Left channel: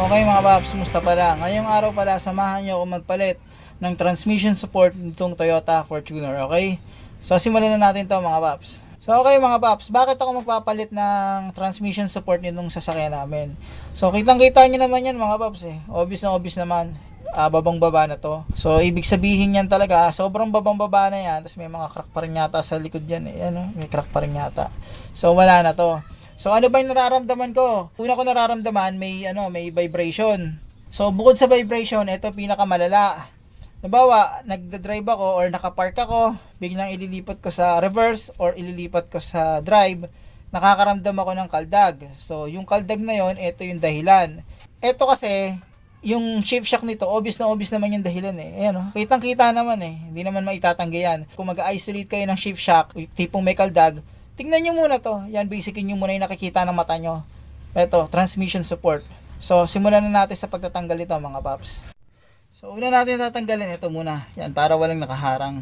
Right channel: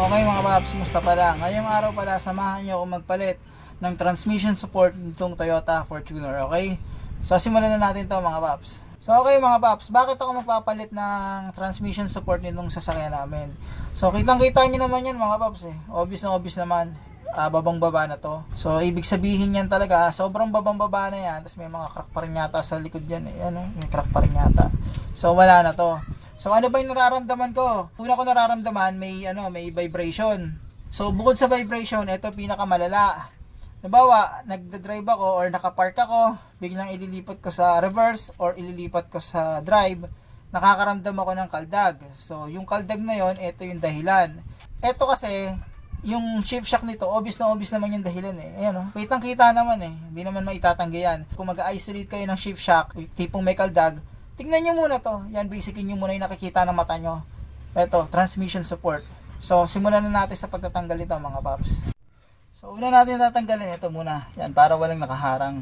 Okay mga paps, musta pala? Ngayong araw pala, samahan nyo ako magpalit ng transmission support nitong Toyota Fortuner, okay? So simulan na natin to mga paps. So okay mga paps, bakit ako magpapalit ng transmission support nitong sasakyan namin? So kitang kita nyo naman yan mga paps eh. Obvious na obvious naman. Babang baba na to. So ibig sabihin yan talaga, sobrang babang baba na yan. Tapos may mga crack pa rin yata sa likod yan eh. Ano? May crack pa rin yata. So wala na to. So ano ba yung nararamdaman ko? Una ko nararamdaman may vibration. So bukod sa vibration, ito pinakamalala. Halimbawa, nagda-drive ako or nakapark ako, biglang ililipat ko sa reverse or ililipat ko sa drive, nakakaramdam ako ng kaldag. So yung kaldag na yon, ito yung dahilan. Ito kasi yung shift shock nito, obvious na obvious naman yung dahilan eh. Ayan, kitang-kita naman eh. Hindi naman maitatanggi yan. Kung mag-isolate kayo ng shift shock, tipong may kaldag, tingnan nyo muna to. Yan, basically nyo muna yung nakikita ng mata nyo. Ito, transmission support. So, simulan na natin sa pagtatanggal ito mga paps. So, una natin tatanggalin ito muna. Yan, para walang nakaharang.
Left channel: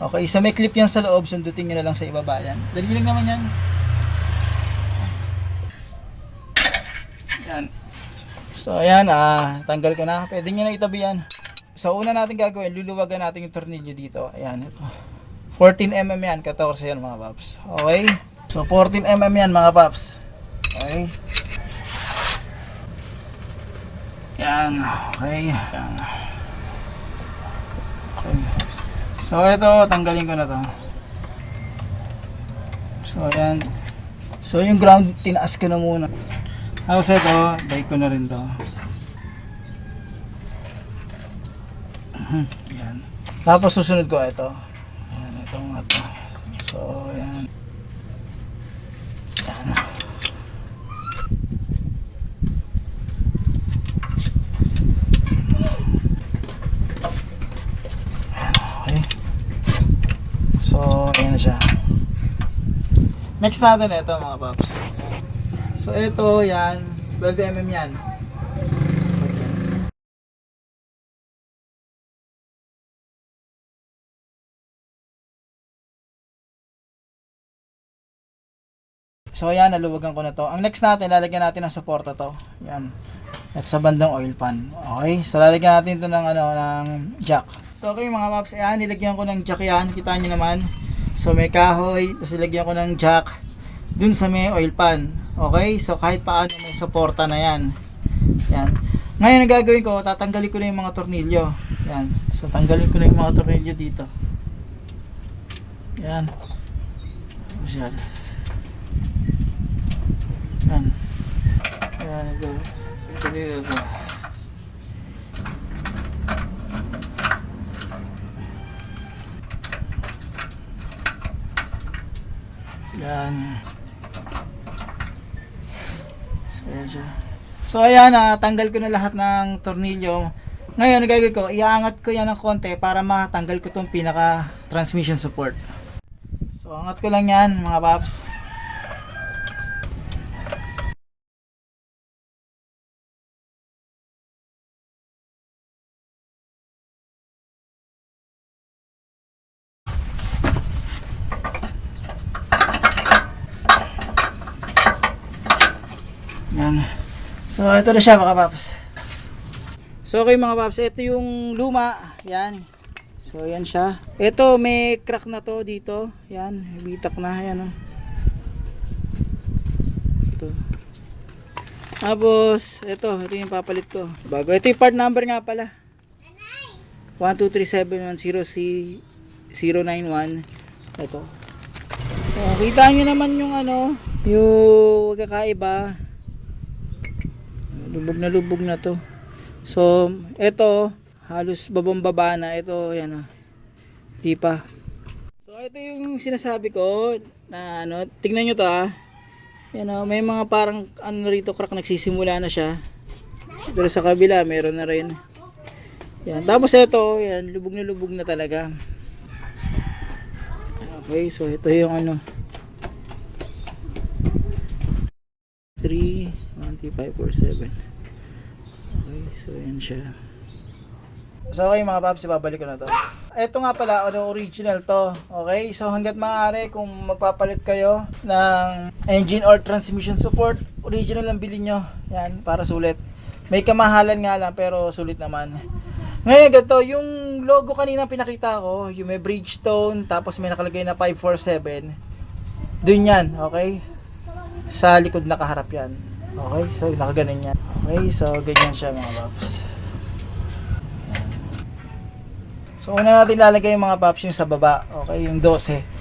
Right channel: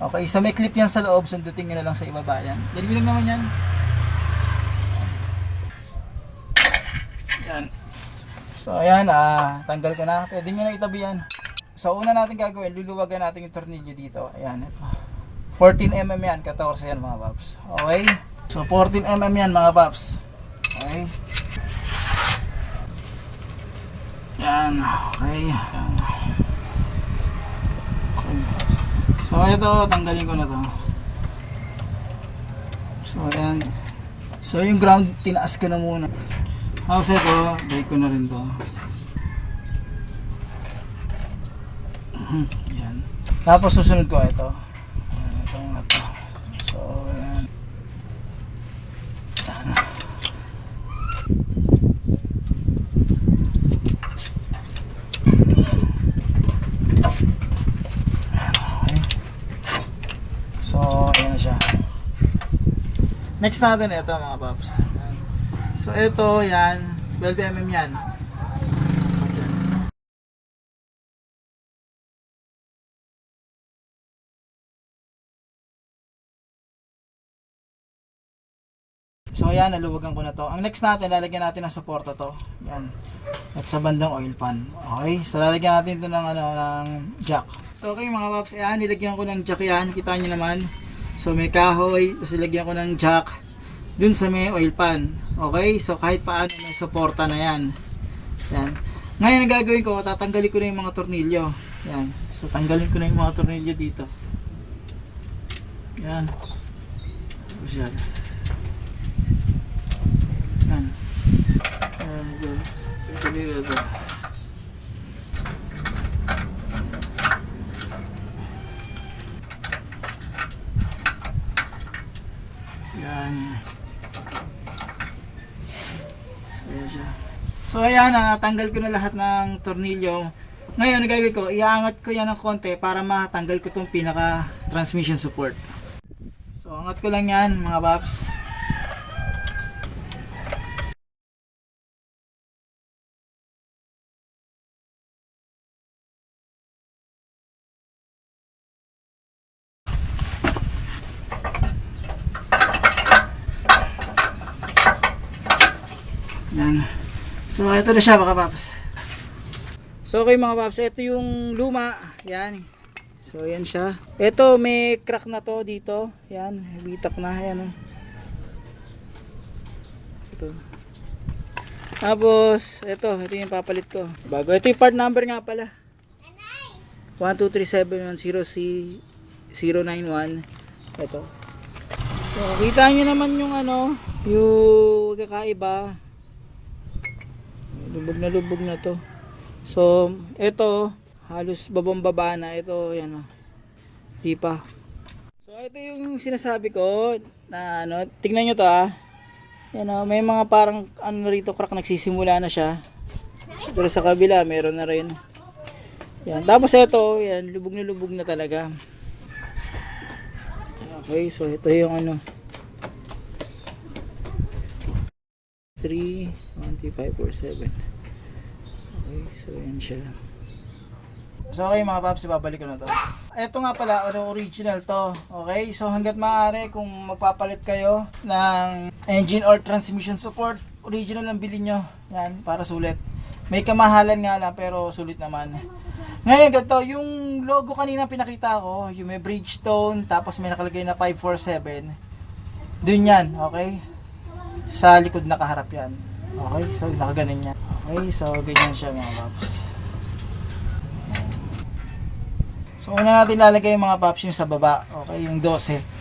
Okay, so may clip yan sa loob. Sundutin nyo na lang sa ibaba. Yan. Dali lang naman yan. Yan. So, ayan, tanggal ko na. Pwede nyo na itabi yan. So, una natin gagawin, luluwagan natin yung tornilyo dito. Ayan, ito. 14mm yan, 14 yan mga paps. Okay? So 14mm yan mga paps. Okay? Yan. Okay. Yan. Okay. So ito, tanggalin ko na to. So ayan. So yung ground, tinaas ko na muna. Tapos ito, bike ko na rin to. Yan. Tapos susunod ko ito. So, yan. Yan. Okay. So, ayan na siya. Next natin ito mga paps. So, ito yan. 12mm yan. So ayan, naluwagan ko na to. Ang next natin, lalagyan natin ng suporta to. Yan. At sa bandang oil pan. Okay? So lalagyan natin ito ng jack. So okay mga paps, ayan, nilagyan ko ng jack yan. Kita nyo naman. So may kahoy, tapos nilagyan ko ng jack dun sa may oil pan. Okay? So kahit paano may suporta na yan. Yan. Ngayon ang gagawin ko, tatanggalin ko na yung mga tornilyo. Yan. So tanggalin ko na yung mga tornilyo dito. Yan. Tapos yan. Yan. Yan ito. Ito dito ito. Yan. So yan siya. So ayan, tanggal ko na lahat ng tornilyo. Ngayon, gagawin ko, iangat ko yan ng konti para matanggal ko itong pinaka transmission support. So angat ko lang yan mga paps. Yan. So ito na siya mga paps. So okay mga paps, ito yung luma. Yan. So yan siya. Ito may crack na to dito. Yan, bitak na yan. Ito. Tapos ito yung papalit ko. Bago ito yung part number nga pala. 1237110C091. Ito. So kita nyo naman yung yung kakaiba. Lubog na to. So ito halos babang baba na. Ito yan di pa. So ito yung sinasabi ko na tingnan nyo to yan may mga parang rito crack, nagsisimula na siya. Pero sa kabila meron na rin. Yan. Tapos ito yan, lubog na talaga. Okay, so ito yung 3, 1, 2, 5, 4, 7. Okay, so yan siya. So okay mga paps, babalik ko na to. Ito nga pala, original to. Okay, so hanggat maaari kung magpapalit kayo ng engine or transmission support, original ang bilhin nyo. Yan, para sulit. May kamahalan nga lang pero sulit naman. Ngayon ganito, yung logo kanina pinakita ko, yung may Bridgestone, tapos may nakalagay na 547. Dun yan, okay? Sa likod nakaharap yan. Okay, so nakaganon yan. Okay, so ganyan siya mga paps. Ayan. So una natin lalagay yung mga paps yung sa baba, okay, yung 12.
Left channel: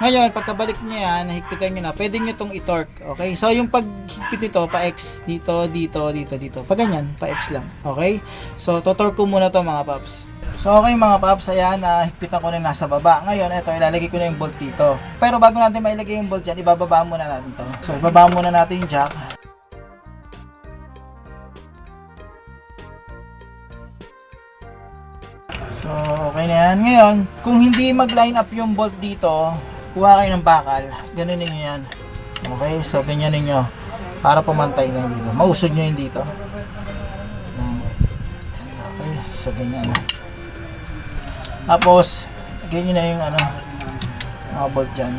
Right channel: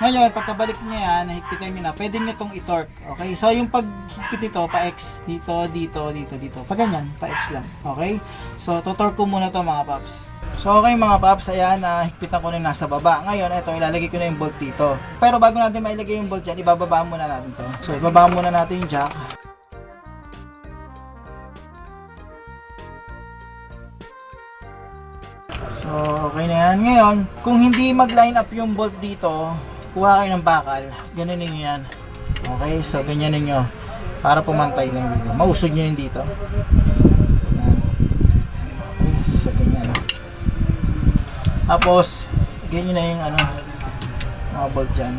Ngayon, pagkabalik niya yan, higpitan nyo na, pwede nyo itong i-torque. Okay? So, yung paghigpit nito, pa-X, dito, dito, dito, dito. Pag ganyan, pa-X lang. Okay? So, to-torque ko muna to mga paps. So, okay mga paps, ayan, higpitan ko na nasa baba. Ngayon, ito, ilalagay ko na yung bolt dito. Pero bago natin mailagay yung bolt dyan, ibababa muna natin to. So, ibababa muna natin yung jack. So, okay na yan. Ngayon, kung hindi mag-line up yung bolt dito, kuha kayo ng bakal, ganunin nyo yan. Okay, so ganyan ninyo para pumantay lang dito. Mausog nyo yun dito. Okay, so ganyan. Tapos, ganyan na yung mga bolt dyan.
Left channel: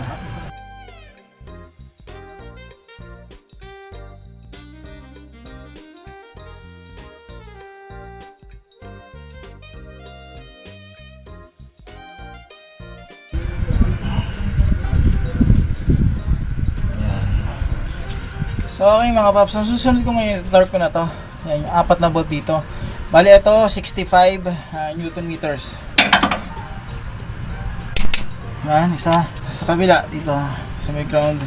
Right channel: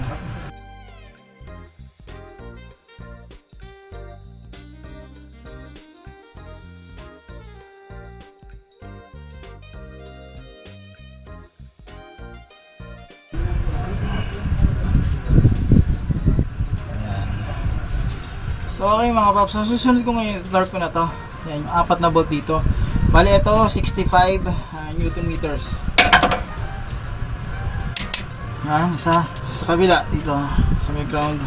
So okay mga paps, ang susunod ko ngayon, torque ko na to. Yan, yung 4 na bolt dito. Bali ito, 65 Newton meters. Yan, isa sa kabila dito, sa may ground.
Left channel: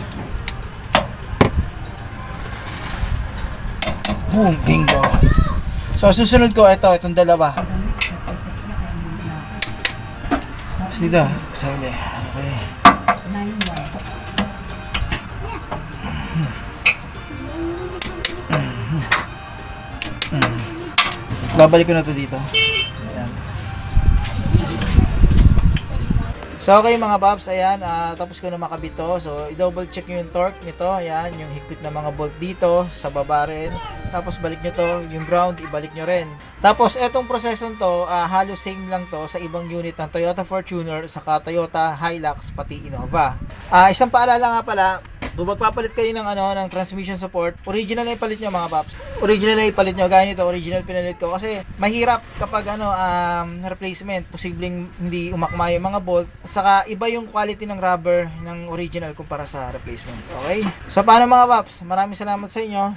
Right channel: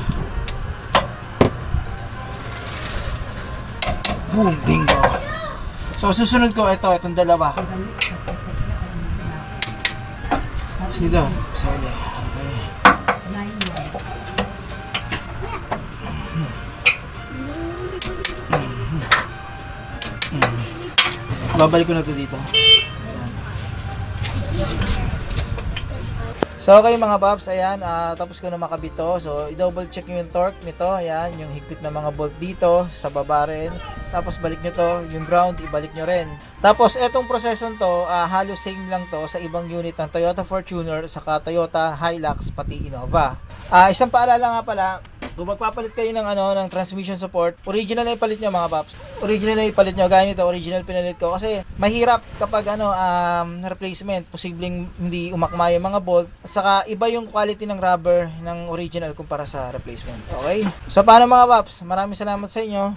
Bingo. So susunod ko, itong dalawa. Tapos dito, sa uli. Okay. Babalik ko na to dito. Ayan. So okay mga paps, ayan, tapos ko na makabit to. So i-double check nyo yung torque nito. Ayan, yung higpit na mga bolt dito, sa baba rin. Tapos balik nyo to, yung ground, ibalik nyo rin. Tapos etong prosesong to, halos same lang to sa ibang unit ng Toyota Fortuner, saka Toyota Hilux, pati Innova. Isang paalala nga pala, kung magpapalit kayo ng transmission support, original na ipalit nyo mga paps. Original na ipalit nyo, gaya nito, original pinalit ko. Kasi mahirap kapag replacement, posibleng hindi umakma yung mga bolt. At saka iba yung quality ng rubber ng original kumpara sa replacement. Okay? So paano mga paps? Maraming salamat sa inyo.